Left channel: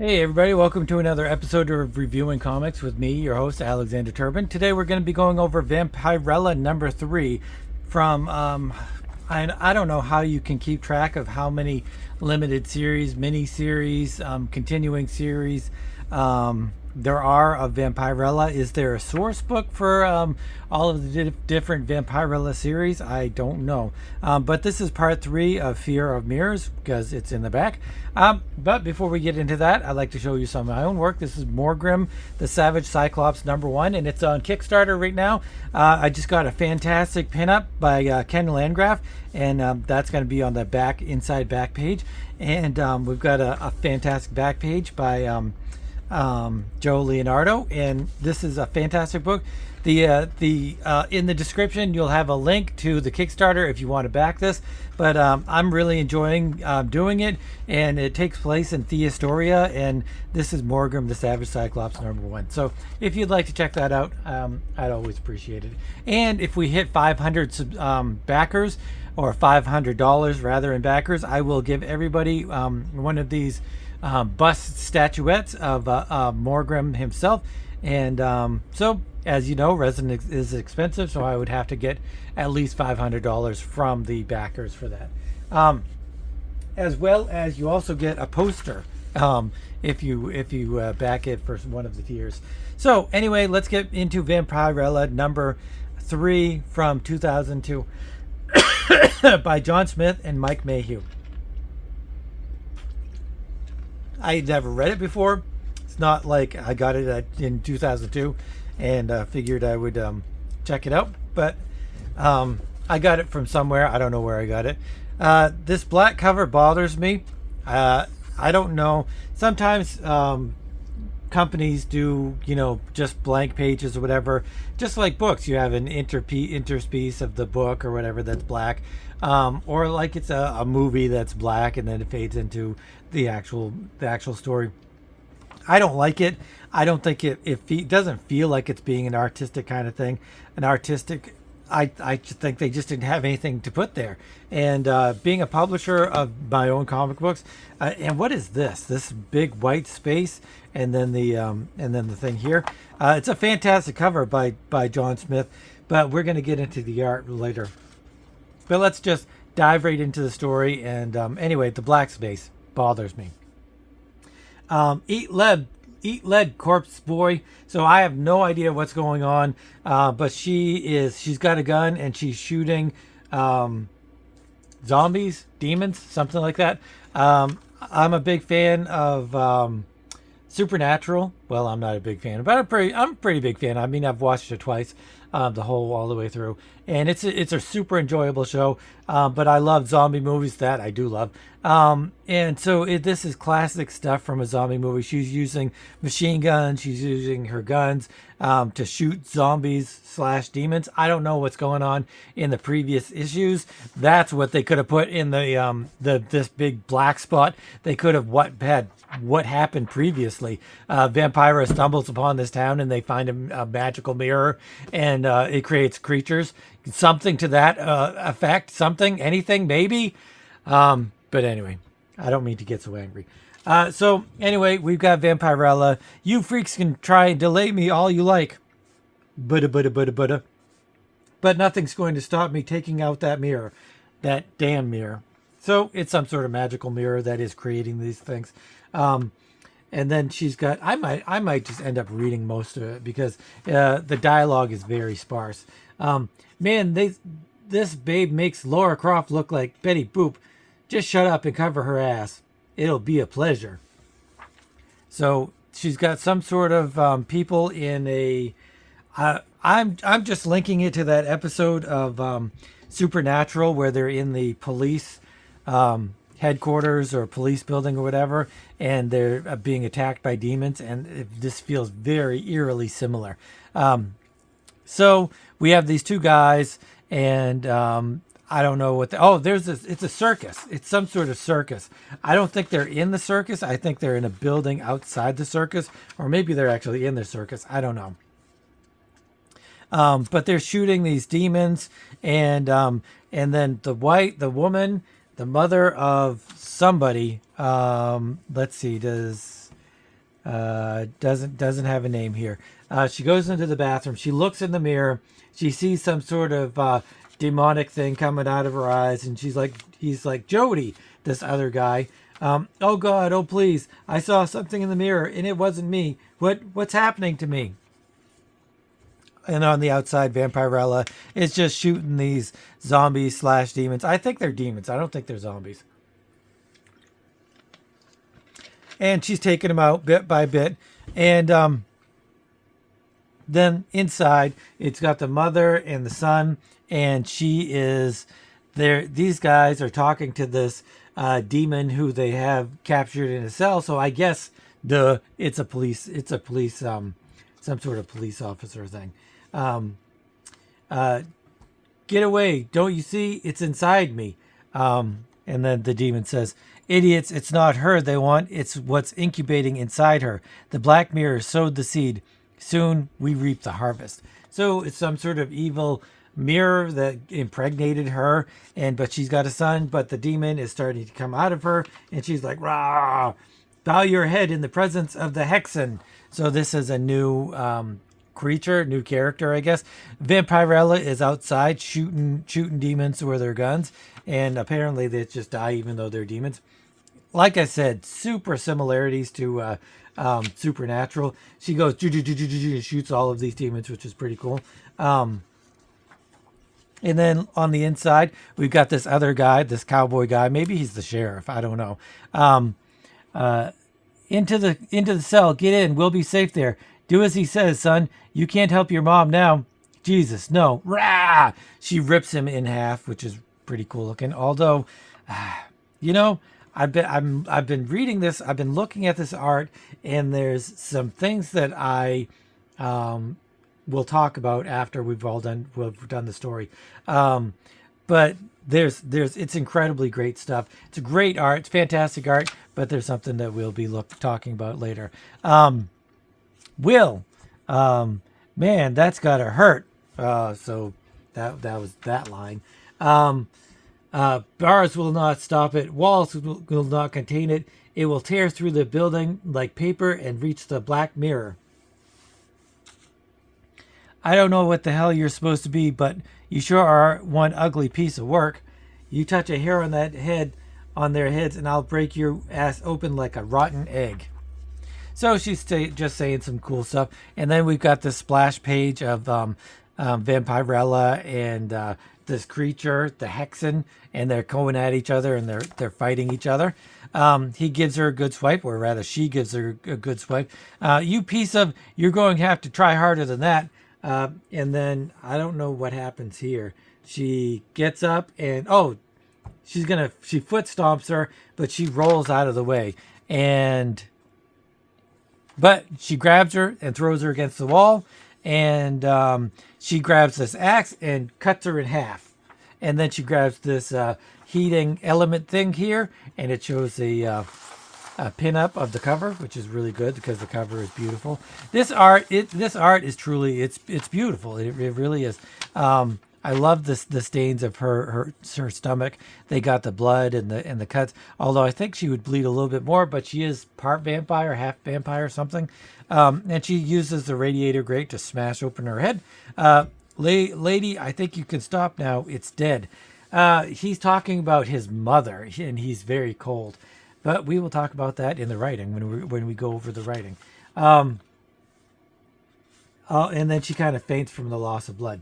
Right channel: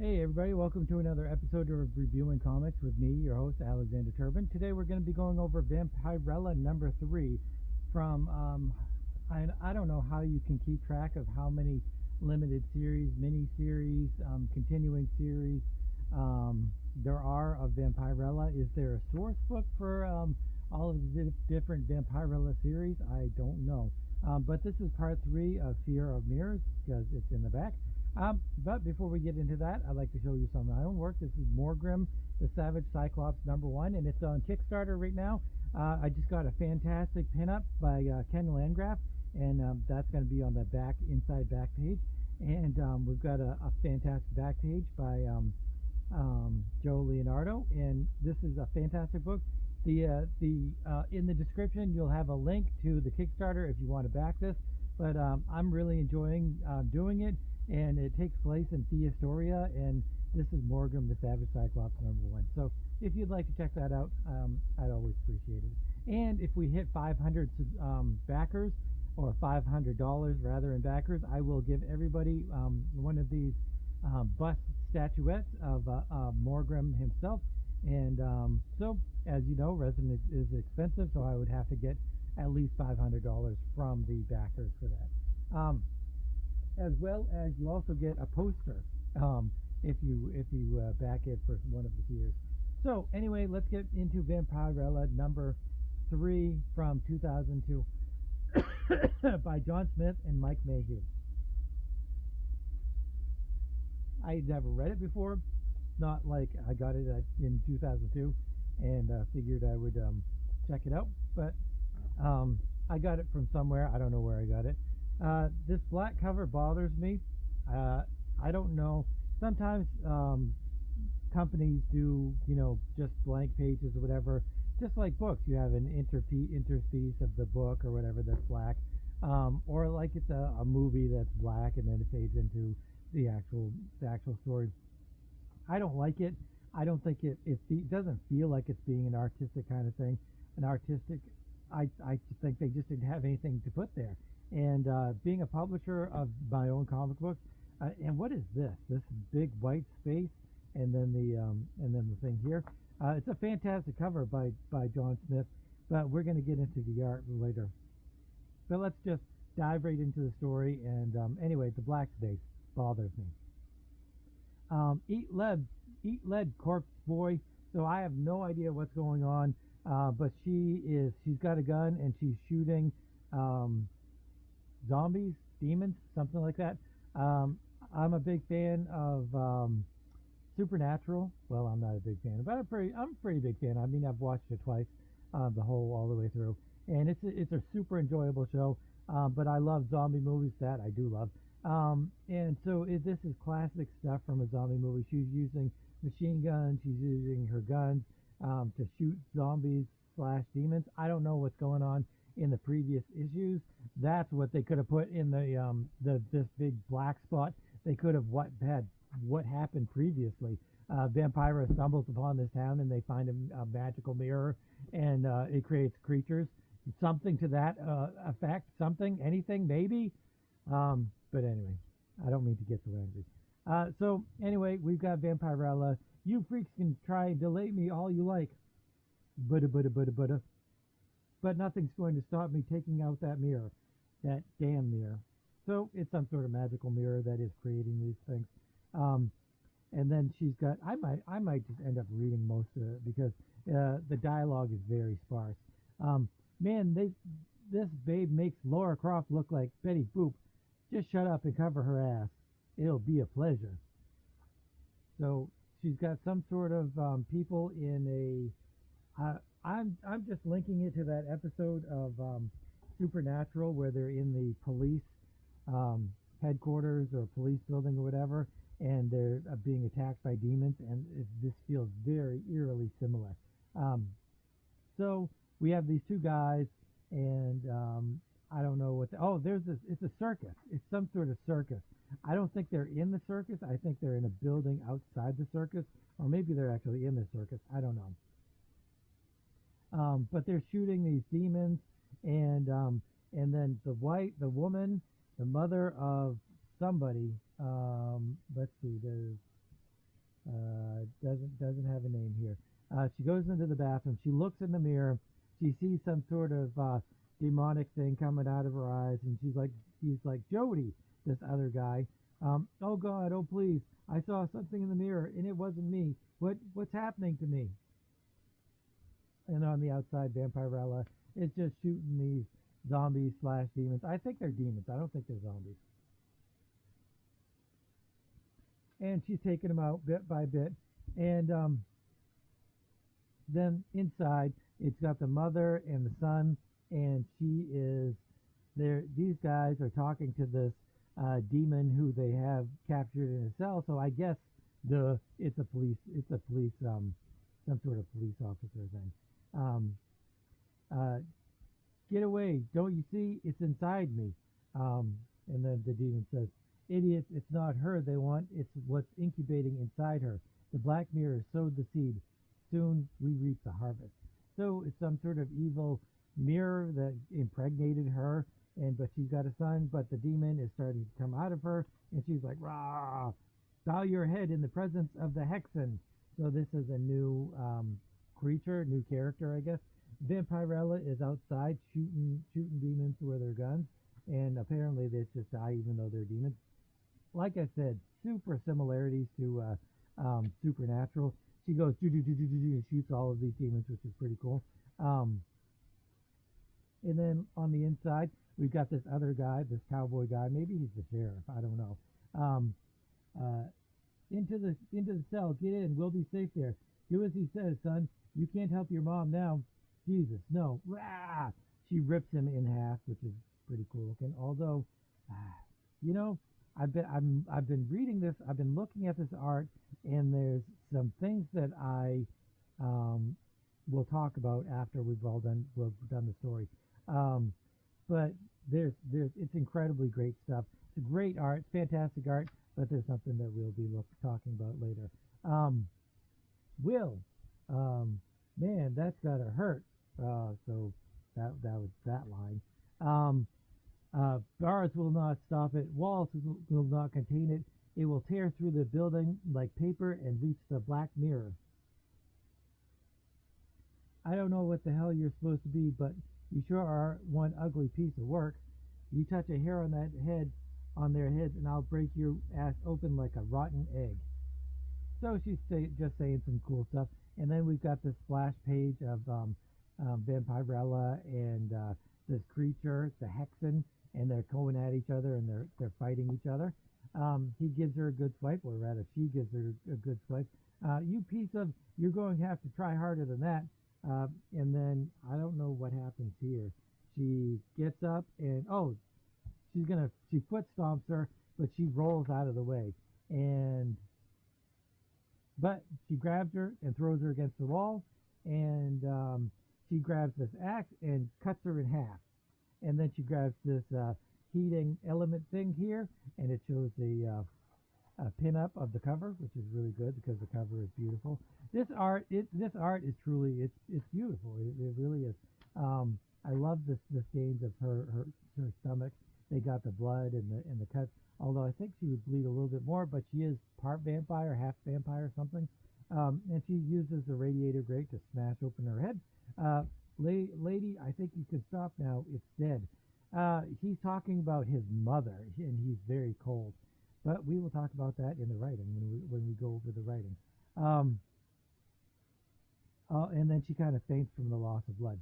Hey everybody, welcome to another episode of Reviewing Comics with me, your host Alexander Turbin. Today we're going to be going over Vampirella number 3 from I don't know how you can keep track of how many limited series, mini series, continuing series there are of Vampirella. Is there a source book for all of the different Vampirella series? I don't know. But this is part 3 of Fear of Mirrors because it's in the back. But before we get into that, I'd like to show you some of my own work. This is Morgrim, the Savage Cyclops number 1, and it's on Kickstarter right now. I just got a fantastic pinup by Ken Landgraf, and that's going to be on the inside back page. And we've got a fantastic back page by Joe Leonardo, and this is a fantastic book. The in the description you'll have a link to the Kickstarter if you want to back this. But I'm really enjoying doing it, and it takes place in Theastoria, and this is Morgrim the Savage Cyclops number 1. So if you'd like to check that out, I'd always appreciate it. And if we hit 500 backers, or $500 rather in backers, I will give everybody one of these bust statuettes of Morgrim himself. And so, as you know, resin is expensive, so I would have to get at least $500 from the backers for that. As well as you also get a poster if you back it for one of the tiers. So anyway, let's get into Vampirella number 3 from 2002 by John Smith and Mike Mayhew. I never read it before. It's not like I got it in 2002 and figured I would check it out. But I got it from somewhere. I don't know where I got it. This black cover bothers me. I don't know. Sometimes companies do, just blank pages or whatever. Just like books, you have an interspece of the book or whatever that's black. Or like it's a movie that's black and then it fades into the actual story. I don't like it. I don't think it doesn't feel like it's being an artistic kind of thing. I just think they just didn't have anything to put there. And being a publisher of my own comic books, and what is this? This big white space, and then the thing here. It's a fantastic cover by John Smith, but we're going to get into the art later. But let's just dive right into the story. And anyway, the black space bothers me. Eat lead, corpse boy. So I have no idea what's going on, but she's got a gun and she's shooting zombies, demons, something like that. I'm a big fan of Supernatural. Well, I'm not a big fan, but I'm a pretty big fan. I mean, I've watched it twice, all the way through, and it's a super enjoyable show. But I love zombie movies. That I do love. And so this is classic stuff from a zombie movie. She's using machine guns. She's using her guns to shoot zombies / demons. I don't know what's going on in the previous issues. That's what they could have put in this big black spot. They could have what happened previously. Vampira stumbles upon this town and they find a magical mirror, and it creates creatures. Something to that effect. Something, anything, maybe. But anyway, I don't mean to get so angry. So anyway, we've got Vampirella. You freaks can try and delay me all you like. But nothing's going to stop me taking out that mirror. That damn mirror. So it's some sort of magical mirror that is creating these things. And then she's got, I might just end up reading most of it because the dialogue is very sparse. Man, this babe makes Laura Croft look like Betty Boop. Just shut up and cover her ass. It'll be a pleasure. So she's got some sort of people in a. I'm just linking it to that episode of Supernatural where they're in the police headquarters or police building or whatever, and they're being attacked by demons, and this feels very eerily similar. So we have these two guys, and I don't know what it's a circus. It's some sort of circus. I don't think they're in the circus. I think they're in a building outside the circus, or maybe they're actually in the circus. I don't know. But they're shooting these demons, and then the woman, the mother of somebody. Let's see, does Doesn't have a name here. She goes into the bathroom. She looks in the mirror. She sees some sort of demonic thing coming out of her eyes, and he's like, Jody, this other guy. Oh God, oh please, I saw something in the mirror, and it wasn't me. What's happening to me? And on the outside, Vampirella is just shooting these zombies / demons. I think they're demons. I don't think they're zombies. And she's taking them out bit by bit. And then inside, it's got the mother and the son, and she is there. These guys are talking to this demon who they have captured in a cell. So I guess it's a police, some sort of police officer thing. Get away! Don't you see? It's inside me. And then the demon says, idiots, it's not her they want, it's what's incubating inside her. The black mirror sowed the seed. Soon we reap the harvest. So it's some sort of evil mirror that impregnated her, but she's got a son, but the demon is starting to come out of her, and she's like, rah, bow your head in the presence of the Hexen. So this is a new creature, new character, I guess. Vampirella is outside shooting demons with their guns, and apparently they just die even though they're demons. Like I said, super similarities to Supernatural. She goes and shoots all of these demons, which is pretty cool. And then on the inside, we've got this other guy, this cowboy guy. Maybe he's the sheriff. I don't know. Into the cell. Get in. We'll be safe there. Do as he says, son. You can't help your mom now. Jesus, no. Rah! She rips him in half, which is pretty cool looking. Although, you know, I've been reading this. I've been looking at this art, and there's some things that I we'll talk about after we've done the story. But it's incredibly great stuff. It's a great art. It's fantastic art, but there's something that we'll be talking about later. Will, man, that's gotta hurt. So that was that line. Bars will not stop it. Walls will not contain it. It will tear through the building like paper and reach the black mirror. I don't know what the hell you're supposed to be, but you sure are one ugly piece of work. You touch a hair on on their heads, and I'll break your ass open like a rotten egg. So she's just saying some cool stuff. And then we've got this splash page of Vampirella and this creature, the Hexen, and they're going at each other, and they're fighting each other. He gives her a good swipe, or rather she gives her a good swipe. You're going to have to try harder than that. And then I don't know what happens here. She gets up and she foot stomps her, but she rolls out of the way, but she grabs her and throws her against the wall, and she grabs this axe and cuts her in half, and then she grabs this heating element thing here, and it shows a pin-up of the cover, which is really good because the cover is beautiful. This art is truly it's beautiful. It really is. I love the stains of her stomach. They got the blood and the cuts. Although I think she would bleed a little bit more, but she is part vampire, half vampire, or something. And she uses the radiator grate to smash open her head. Lady, I think you can stop now. It's dead. He's talking about his mother, and he's very cold. But we will talk about that in the writing when we go over the writing. And then she kind of faints from the loss of blood.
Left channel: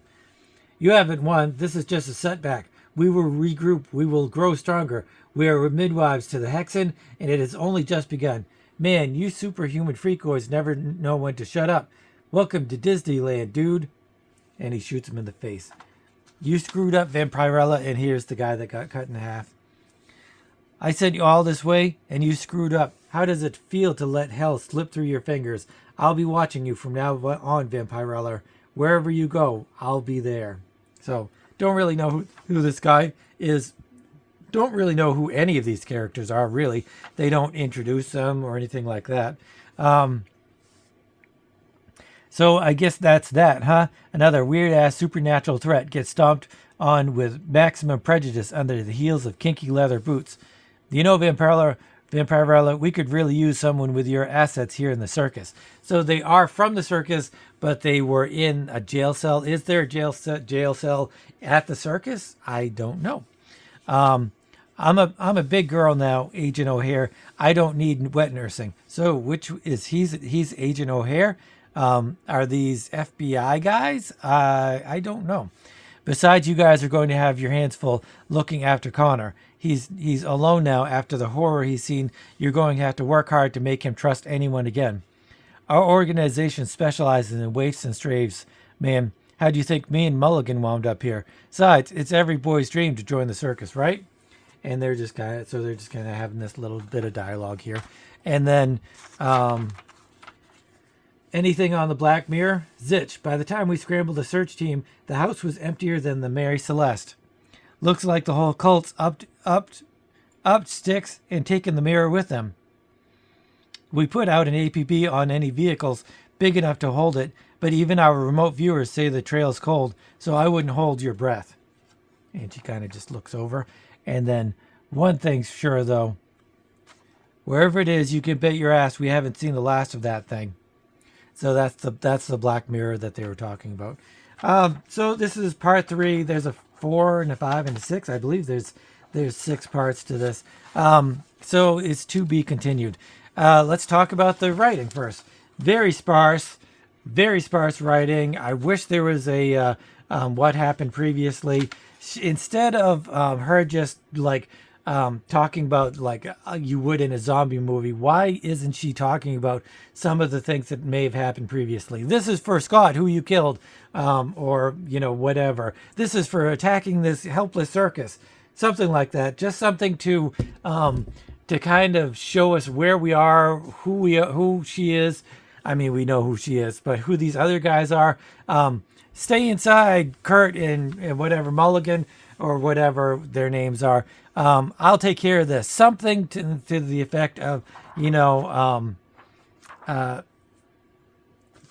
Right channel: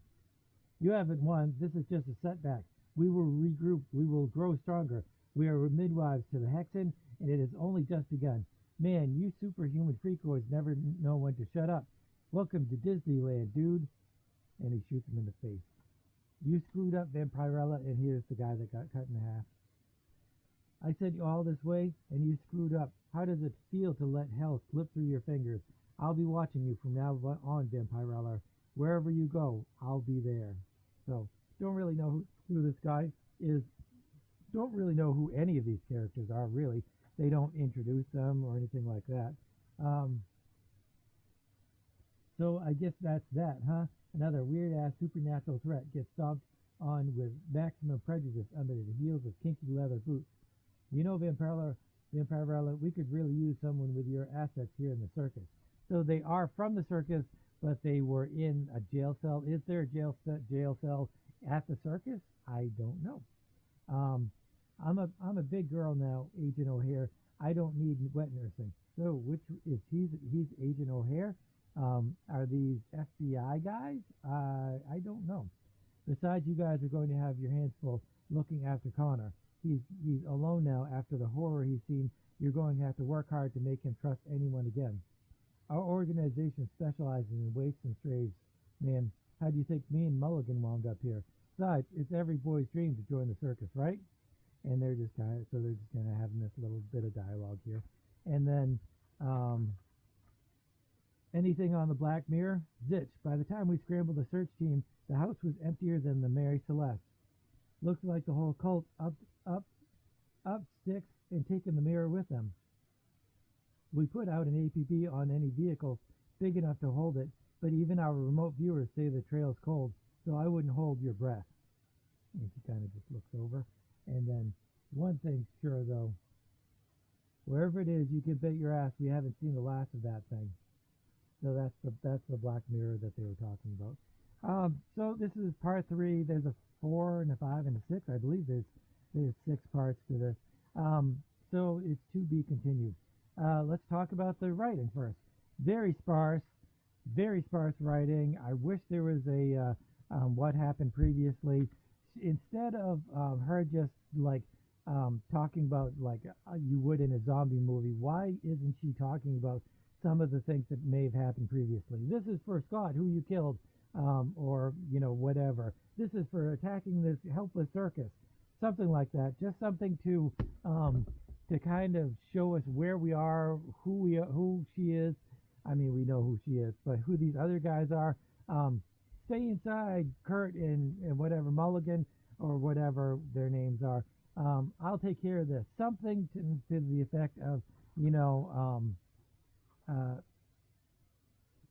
You haven't won. This is just a setback. We will regroup. We will grow stronger. We are midwives to the Hexen, and it has only just begun. Man, you superhuman freakoids never know when to shut up. Welcome to Disneyland, dude. And he shoots him in the face. You screwed up, Vampirella, and here's the guy that got cut in half. I sent you all this way, and you screwed up. How does it feel to let hell slip through your fingers? I'll be watching you from now on, Vampirella. Wherever you go, I'll be there. So, don't really know who this guy is. Don't really know who any of these characters are, really. They don't introduce them or anything like that. So, I guess that's that, huh? Another weird-ass supernatural threat gets stomped on with maximum prejudice under the heels of kinky leather boots. You know, Vampirella, Vampirella, we could really use someone with your assets here in the circus. So they are from the circus, but they were in a jail cell. Is there a jail cell at the circus? I don't know. Um, I'm a big girl now, Agent O'Hare. I don't need wet nursing. So which is he's Agent O'Hare? Are these FBI guys? I don't know. Besides, you guys are going to have your hands full looking after Connor. He's alone now after the horror he's seen. You're going to have to work hard to make him trust anyone again. Our organization specializes in waifs and strays, man. How do you think me and Mulligan wound up here? Besides, it's every boy's dream to join the circus, right? And they're just kind of having this little bit of dialogue here. And then anything on the Black Mirror? Zitch. By the time we scrambled the search team, the house was emptier than the Mary Celeste. Looks like the whole cult's up sticks and taken the mirror with them. We put out an APB on any vehicles big enough to hold it, but even our remote viewers say the trail's cold, so I wouldn't hold your breath. And she kind of just looks over. And then one thing's sure, though. Wherever it is, you can bet your ass we haven't seen the last of that thing. So that's the Black Mirror that they were talking about. So this is part 3. There's a 4 and a 5 and a 6. I believe there's 6 parts to this. So it's to be continued. Let's talk about the writing first. Very sparse writing. I wish there was a what happened previously. Instead of her just like talking about like you would in a zombie movie, why isn't she talking about some of the things that may have happened previously? This is for Scott, who you killed, or whatever. This is for attacking this helpless circus, something like that. Just something to kind of show us where we are, who she is. I mean, we know who she is, but who these other guys are. Stay inside, Kurt and whatever, Mulligan or whatever their names are. I'll take care of this. Something to the effect of,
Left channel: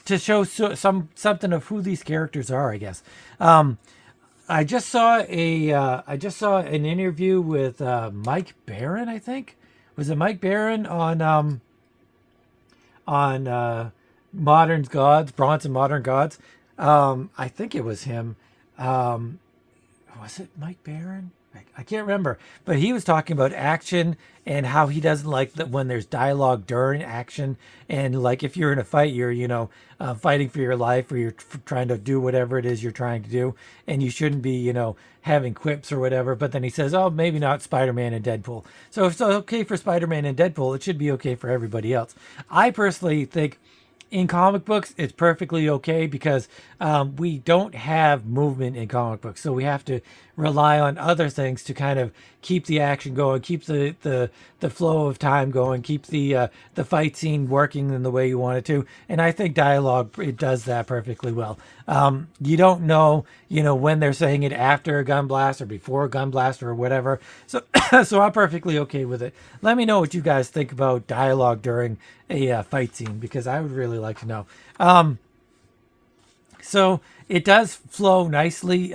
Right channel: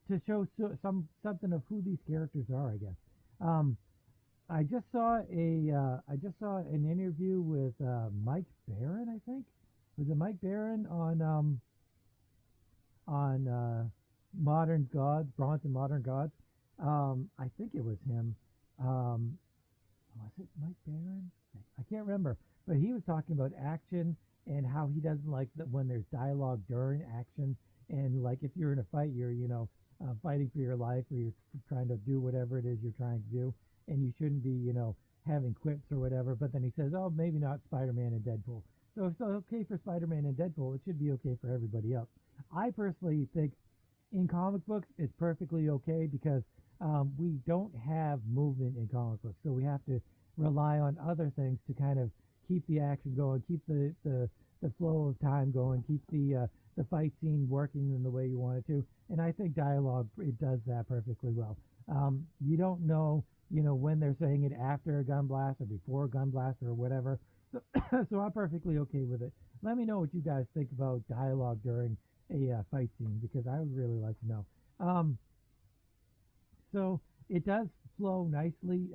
to show something of who these characters are, I guess. I just saw an interview with Mike Barron, I think. Was it Mike Barron on Modern Gods, Bronson Modern Gods? I think it was him. Was it Mike Barron? I can't remember, but he was talking about action and how he doesn't like that when there's dialogue during action, and like if you're in a fight, you're fighting for your life, or you're trying to do whatever it is you're trying to do, and you shouldn't be having quips or whatever. But then he says, oh, maybe not Spider-Man and Deadpool. So if it's okay for Spider-Man and Deadpool, it should be okay for everybody else. I personally think in comic books, it's perfectly okay because we don't have movement in comic books. So we have to rely on other things to kind of keep the action going, keep the flow of time going, keep the fight scene working in the way you want it to. And I think dialogue, it does that perfectly well. You don't know, when they're saying it after a gun blast or before a gun blast or whatever. So, so I'm perfectly okay with it. Let me know what you guys think about dialogue during a fight scene, because I would really like to know. So it does flow nicely.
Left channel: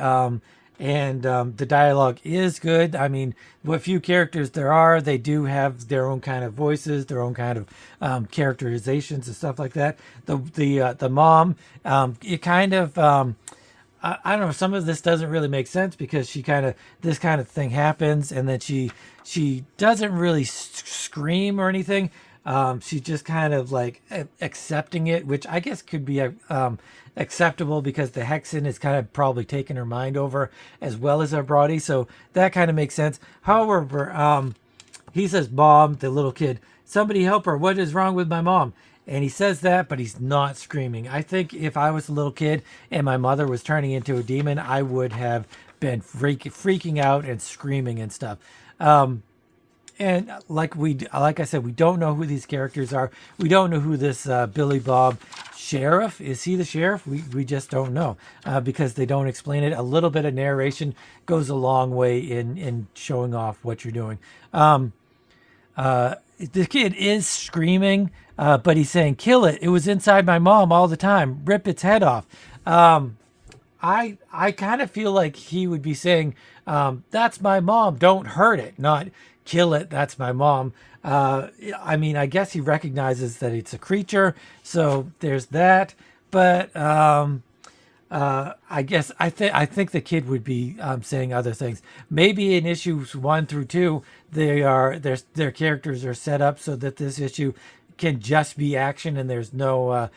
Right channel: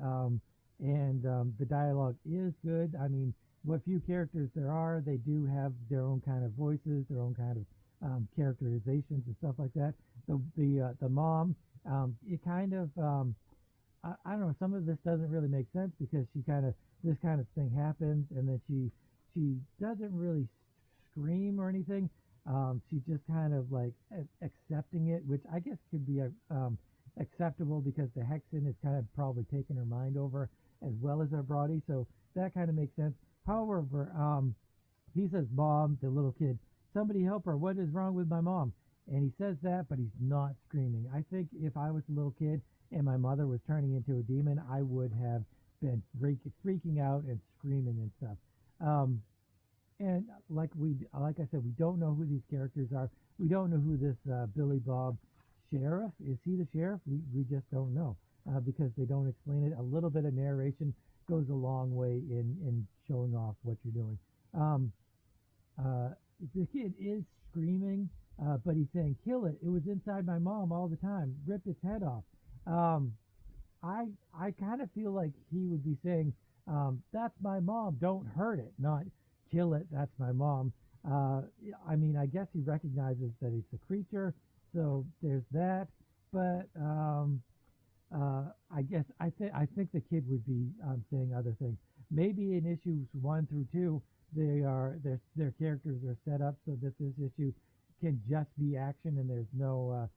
And the dialogue is good. I mean, what few characters there are, they do have their own kind of voices, their own kind of characterizations and stuff like that. The mom, it kind of, I don't know, some of this doesn't really make sense because this kind of thing happens and then she doesn't really scream or anything. She's just kind of like accepting it, which I guess could be acceptable because the Hexen is kind of probably taking her mind over as well as her body. So that kind of makes sense. However, he says, Mom, the little kid, somebody help her. What is wrong with my mom? And he says that, but he's not screaming. I think if I was a little kid and my mother was turning into a demon, I would have been freaking out and screaming and stuff. And like I said, we don't know who these characters are. We don't know who this Billy Bob sheriff is. He the sheriff? We just don't know because they don't explain it. A little bit of narration goes a long way in showing off what you're doing. The kid is screaming, but he's saying, "Kill it! It was inside my mom all the time. Rip its head off." I kind of feel like he would be saying, "That's my mom. Don't hurt it." Not kill it, that's my mom. Uh, I mean, I guess he recognizes that it's a creature, so there's that. But I think the kid would be saying other things. Maybe in issues 1 through 2, their characters are set up so that this issue can just be action and there's no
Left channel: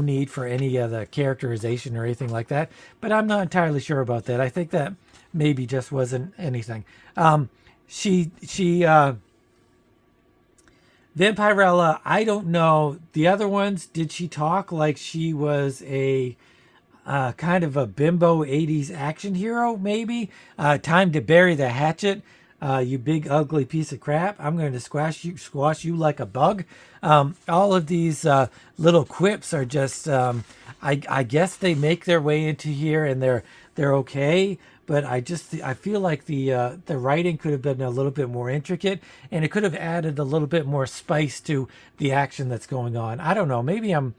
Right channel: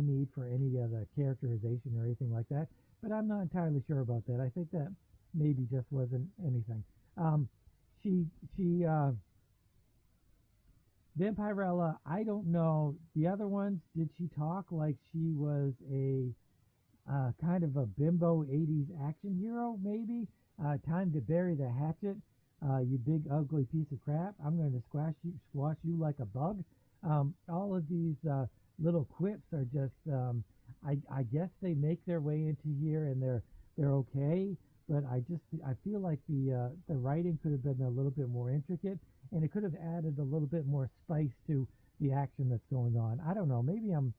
need for any of the characterization or anything like that. But I'm not entirely sure about that. I think that maybe just wasn't anything. She Vampirella, I don't know. The other ones, did she talk like she was a kind of a bimbo 80s action hero, maybe? Time to bury the hatchet, you big ugly piece of crap. I'm going to squash you like a bug. All of these little quips are just, I guess they make their way into here and they're okay. But I feel like the writing could have been a little bit more intricate, and it could have added a little bit more spice to the action that's going on. I don't know. Maybe I'm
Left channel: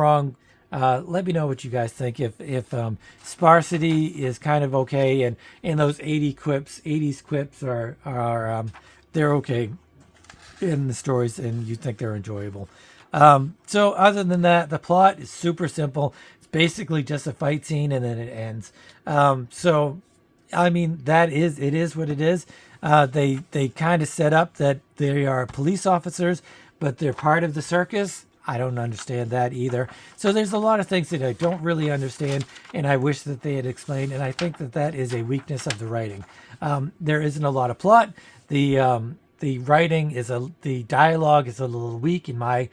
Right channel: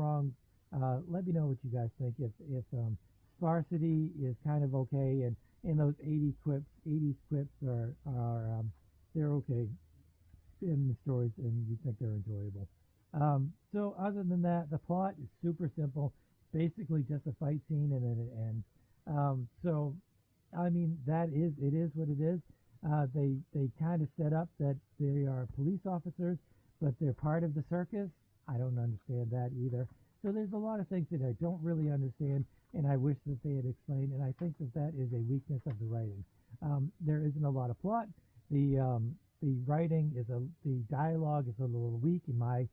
wrong. Let me know what you guys think. If sparsity is kind of okay, and those 80s quips are they're okay in the stories, and you think they're enjoyable. So other than that, the plot is super simple. It's basically just a fight scene, and then it ends. So, I mean, it is what it is. They kind of set up that they are police officers, but they're part of the circus. I don't understand that either. So there's a lot of things that I don't really understand, and I wish that they had explained. And I think that is a weakness of the writing. There isn't a lot of plot. The writing the dialogue is a little weak in my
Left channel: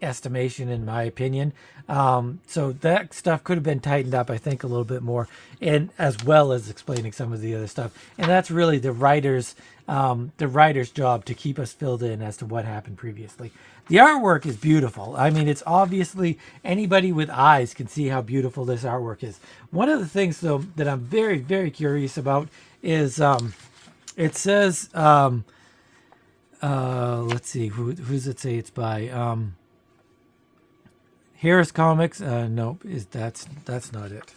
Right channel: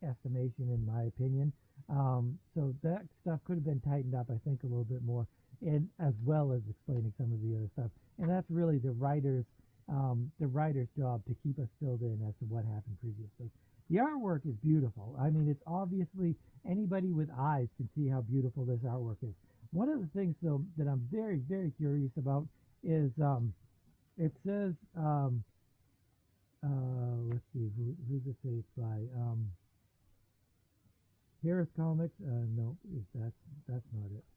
estimation, in my opinion. So that stuff could have been tightened up, I think, a little bit more, and as well as explaining some of the other stuff. And that's really the writer's job, to keep us filled in as to what happened previously. The artwork is beautiful. I mean, it's obviously, anybody with eyes can see how beautiful this artwork is. One of the things, though, that I'm very, very curious about is it says, let's see, who's it say it's by? Harris Comics. Nope, that's not it.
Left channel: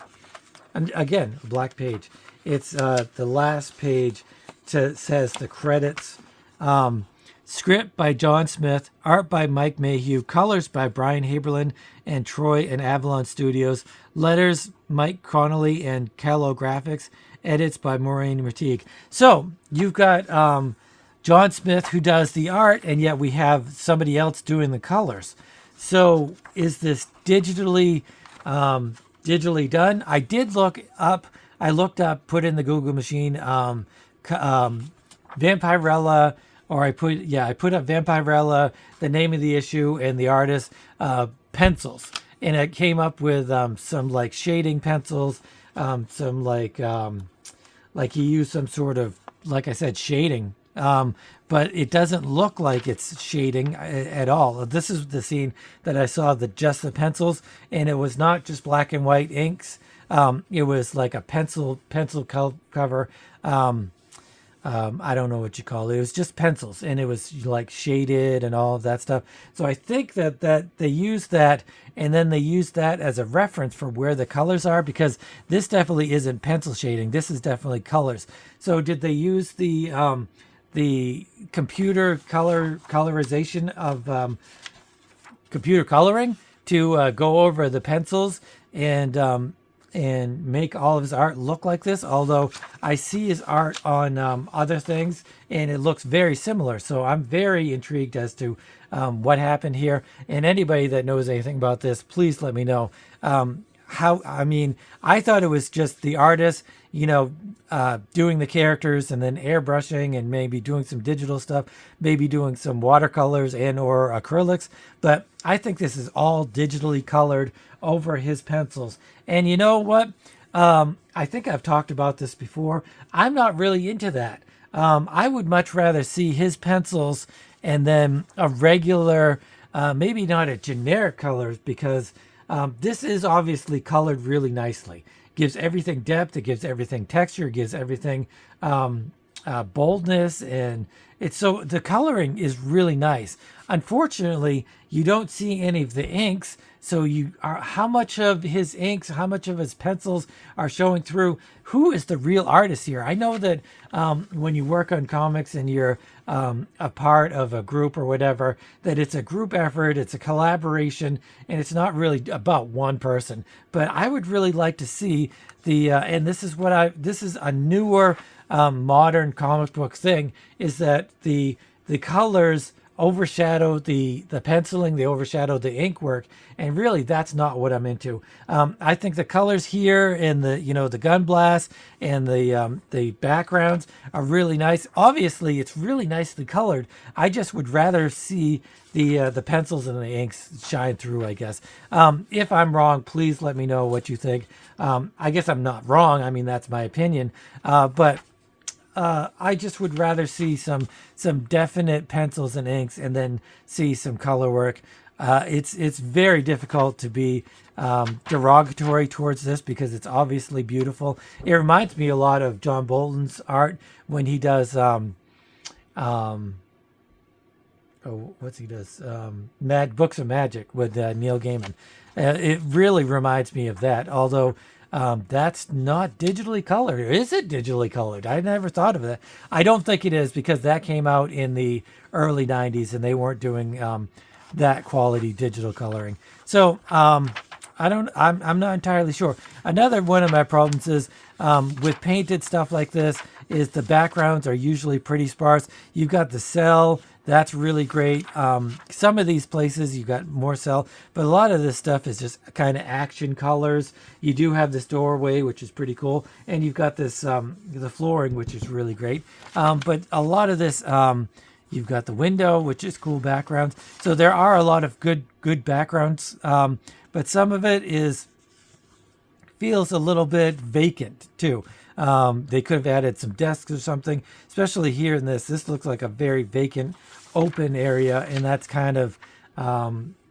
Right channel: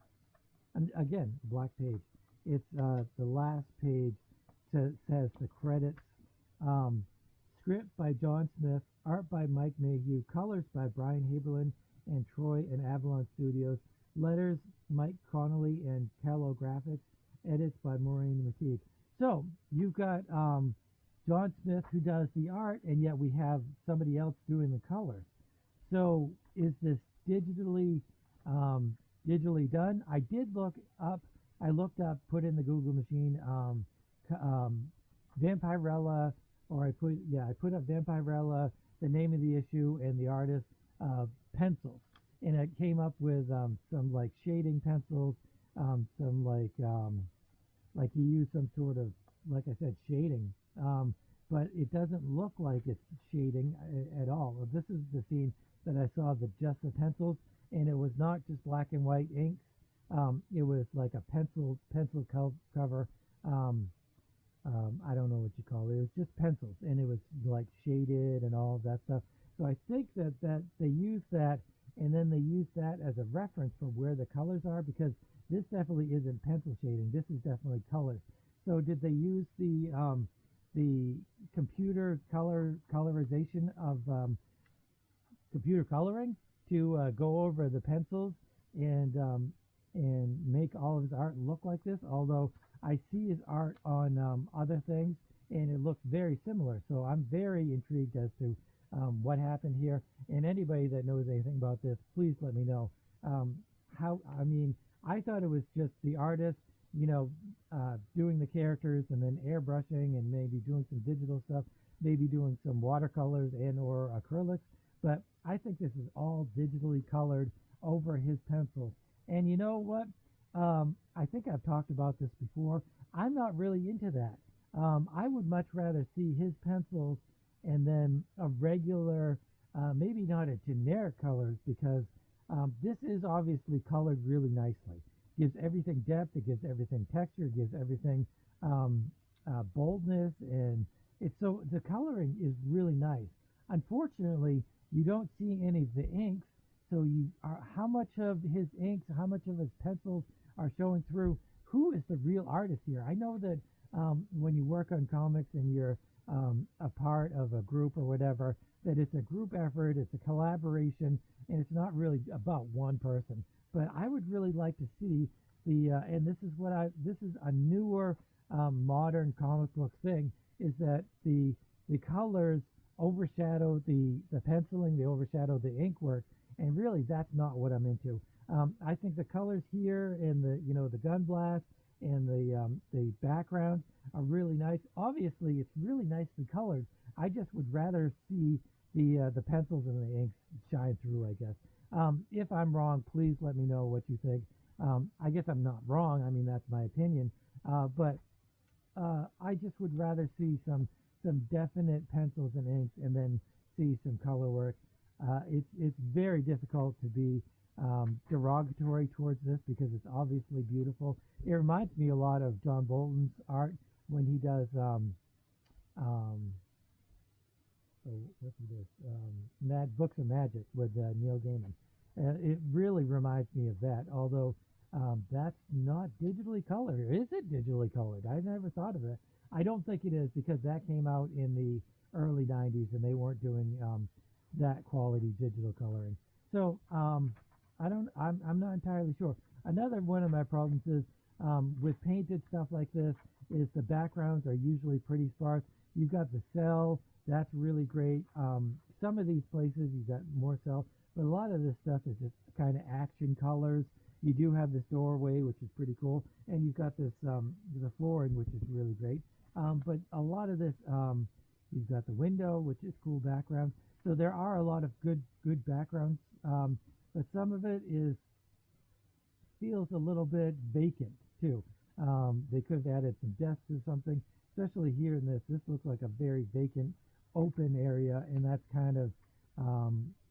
And again, a black page. It's the last page says the credits. Script by John Smith, art by Mike Mayhew, colors by Brian Haberlin and Troy and Avalon Studios, letters Mike Connolly and Callow Graphics, edits by Maureen Mertigue. So you've got John Smith who does the art, and yet we have somebody else doing the colors. So is this digitally done? I looked up, put in the Google machine, Vampirella, or I put up Vampirella, the name of the issue and the artist, pencils, and it came up with some like shading pencils, some like he used some sort of, like I said, shading, but it doesn't look like it's shading at all. This is the scene that I saw, just the pencils, and it was not just black and white inks. It was like a pencil cover. I don't know what you call it. It was just pencils, and it was like shaded and all of that stuff. So I think that they used that, and then they used that as a reference for where the colors are, because this definitely isn't pencil shading. This is definitely colors. So did they use the computer colorization of computer coloring to go over the pencils and make all of his art look like this? Although I see his art on other things, and it looks very similar. So I'm very intrigued as to what happened here. And anybody that knows anything about this, please let me know. I thought it was just the artist, doing the characters and then airbrushing and maybe doing some digital stuff, maybe doing some watercolors and or acrylics. But I think this is all digitally colored over his pencils. And you know what? I think I've talked about this before. I'm not really into that. I would much rather see his pencils and then a regular, maybe not a generic color, because this is obviously colored really nicely. Gives everything depth. It gives everything texture. It gives everything boldness, and the coloring is really nice. Unfortunately, you don't see any of the inks. So how much of his inks, how much of his pencils are showing through? Who is the real artist here? I know that when you work on comics and you're a part of a group or whatever, that it's a group effort, it's a collaboration, and it's not really about one person. But I would really like to see and this is this is a newer modern comic book thing, is that the colors overshadow the penciling, they overshadow the ink work, and really that's not what I'm into. I think the colors here and the gun blast and the backgrounds are really nice. Obviously, it's really nicely colored. I just would rather see the pencils and the inks shine through, I guess. If I'm wrong, please let me know what you think. I guess I'm not wrong. I mean, that's my opinion. But I just would rather see some definite pencils and inks, and then see some color work. It's very difficult to be derogatory towards this because it's obviously beautiful. It reminds me a lot of John Bolton's art when he does Books of Magic with Neil Gaiman. It really reminds me of that, although that's not digitally colored. Is it digitally colored? I never thought of that. I don't think it is, because that came out in the early 90s and they weren't doing that quality digital coloring. So I'm not entirely sure. Another one of my problems is with painted stuff like this is the backgrounds are usually pretty sparse. You've got the cell. That's really great. Some of these places you got more cell, but a lot of this stuff is just kind of action colors. You do have this doorway, which is pretty cool, and you've got this the flooring, which is really great. But a lot of this, you've got the window, which is cool backgrounds. So there are a lot of good backgrounds, but some of it feels a little bit vacant too. They could have added some desks or something, especially here in this. This looks like a very vacant, open area, and that's kind of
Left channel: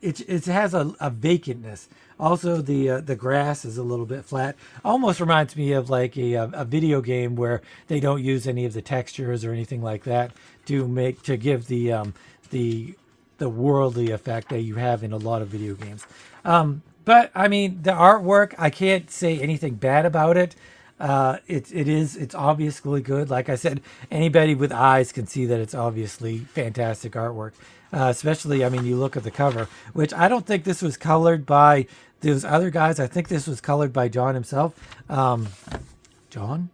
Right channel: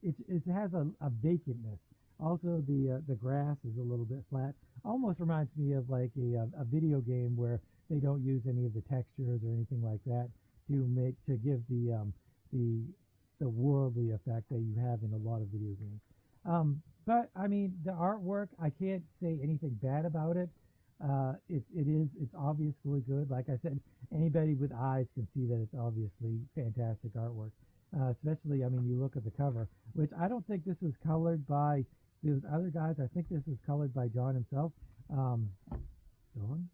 it has a vacantness. Also, the grass is a little bit flat. Almost reminds me of like a video game where they don't use any of the textures or anything like that to give the worldly effect that you have in a lot of video games. But I mean, the artwork, I can't say anything bad about it. It's obviously good. Like I said, anybody with eyes can see that it's obviously fantastic artwork. Especially, I mean, you look at the cover, which I don't think this was colored by those other guys. I think this was colored by John himself. John?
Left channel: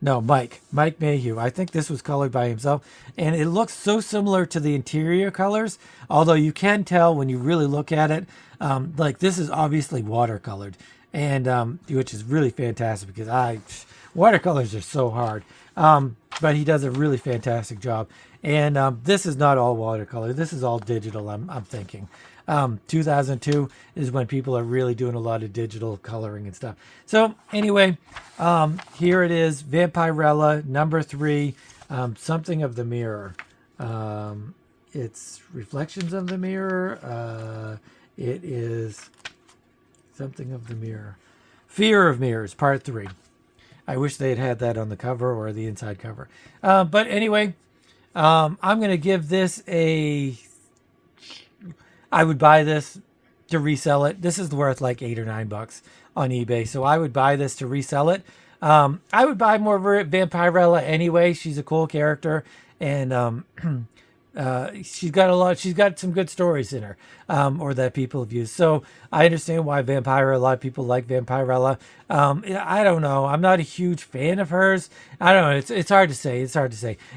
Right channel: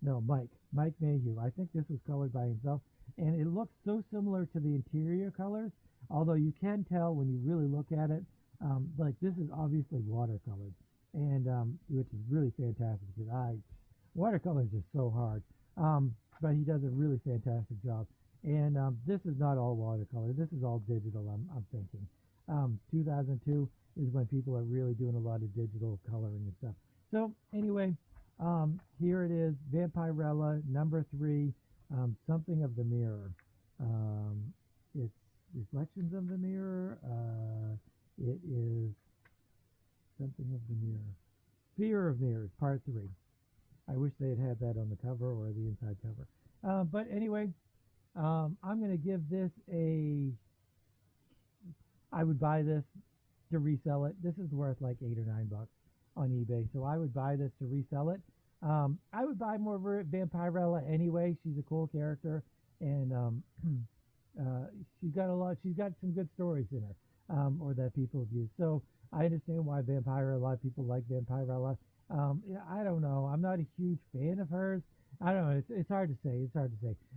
No, Mike Mayhew. I think this was colored by himself, and it looks so similar to the interior colors. Although you can tell when you really look at it, like this is obviously watercolored, and which is really fantastic because watercolors are so hard. But he does a really fantastic job, and this is not all watercolor. This is all digital. I'm thinking. 2002 is when people are really doing a lot of digital coloring and stuff. So anyway, here it is, Vampirella #3, something of the mirror. It's reflections of the mirror. It is something of the mirror. Fear of Mirrors, Part 3. I wish they had that on the cover or the inside cover. But anyway, I'm going to give this I would buy this to resell it. This is worth like $8 or $9 on eBay. So I would buy this to resell it. I would buy more Vampirella anyway. She's a cool character, and she's got some good stories in her, or that people have used. So I understand why a lot of people like Vampirella. I don't know. I'm not a huge fan of hers. I don't know. It's hard to say.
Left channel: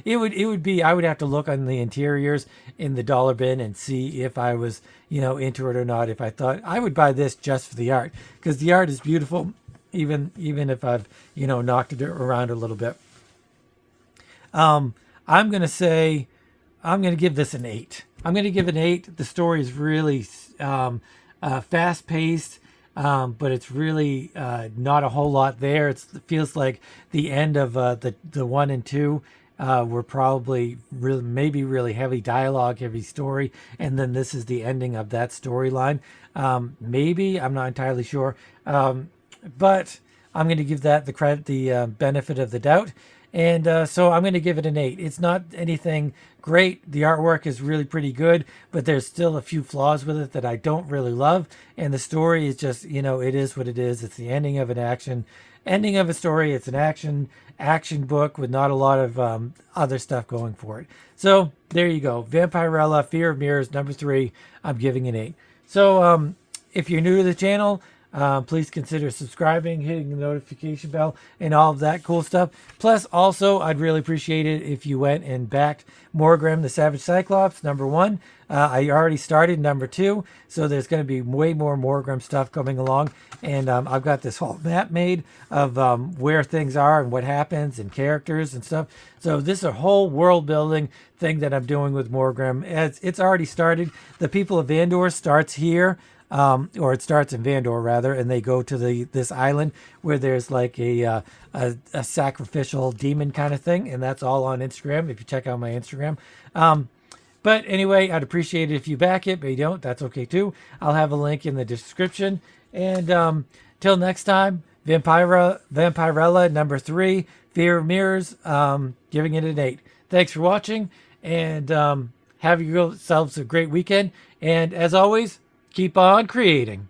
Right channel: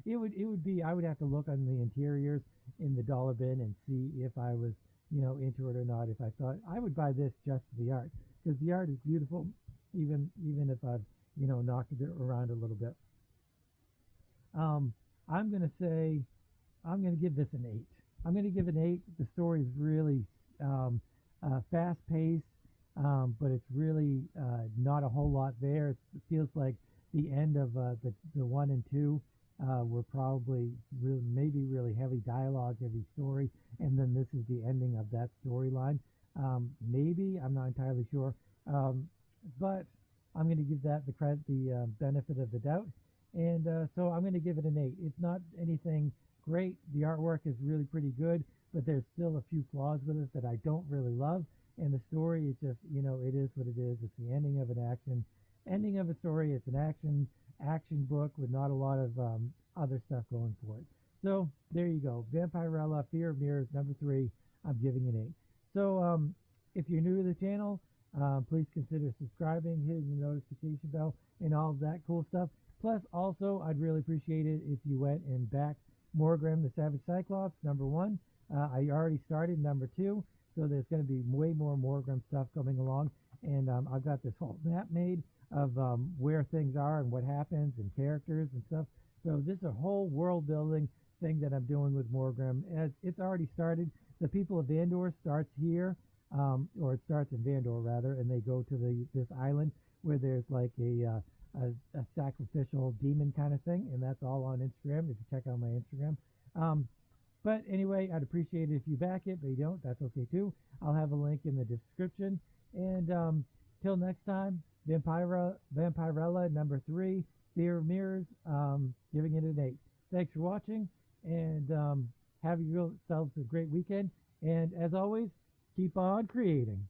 It would be, I would have to look on the interiors in the dollar bin and see if I was, into it or not. If I thought I would buy this just for the art, because the art is beautiful, even if I've, knocked it around a little bit. I'm going to give this an 8. I'm going to give it an 8. The story is really fast paced, but it's really not a whole lot there. It feels like the end of the 1 and 2 were probably really heavy dialogue, heavy story, and then this is the ending of that storyline. Maybe, I'm not entirely sure, but I'm going to give that the benefit of the doubt. And so I'm going to give it an 8. It's not anything great. The artwork is really pretty good, but there's still a few flaws with it that I don't really love. And the story is just, it is what it is. It's the ending of an action ending of a story. It's an action book with not a lot of other stuff going for it. So there you go. Vampirella, Fear of Mirrors, number 3. I'm giving an 8. So if you're new to the channel, please consider subscribing, hitting the notification bell, and all of that cool stuff. Plus, also, I'd really appreciate it if you went and backed Morgrem the Savage Cyclops, number 1. I already started number 2, so there's going to be way more Morgrem stuff coming along. And I've got this whole map made of where things are and what happens and characters and stuff. So this is a whole world building thing that I'm doing with Morgrem. It's already started. The People of Vandor starts here. Or it starts in Vandor rather, and they go to this island where there's like a sacrificial demon kind of thing, and that's all on Instagram. If you check out my Instagram, but anyway, I'd appreciate it if you back it, but you don't, that's okay too. I'll have a link in the description. And till next time, Vampirella number 3, Fear of Mirrors, giving it an 8. Thanks for watching, and have yourselves a great weekend. And as always, keep on creating.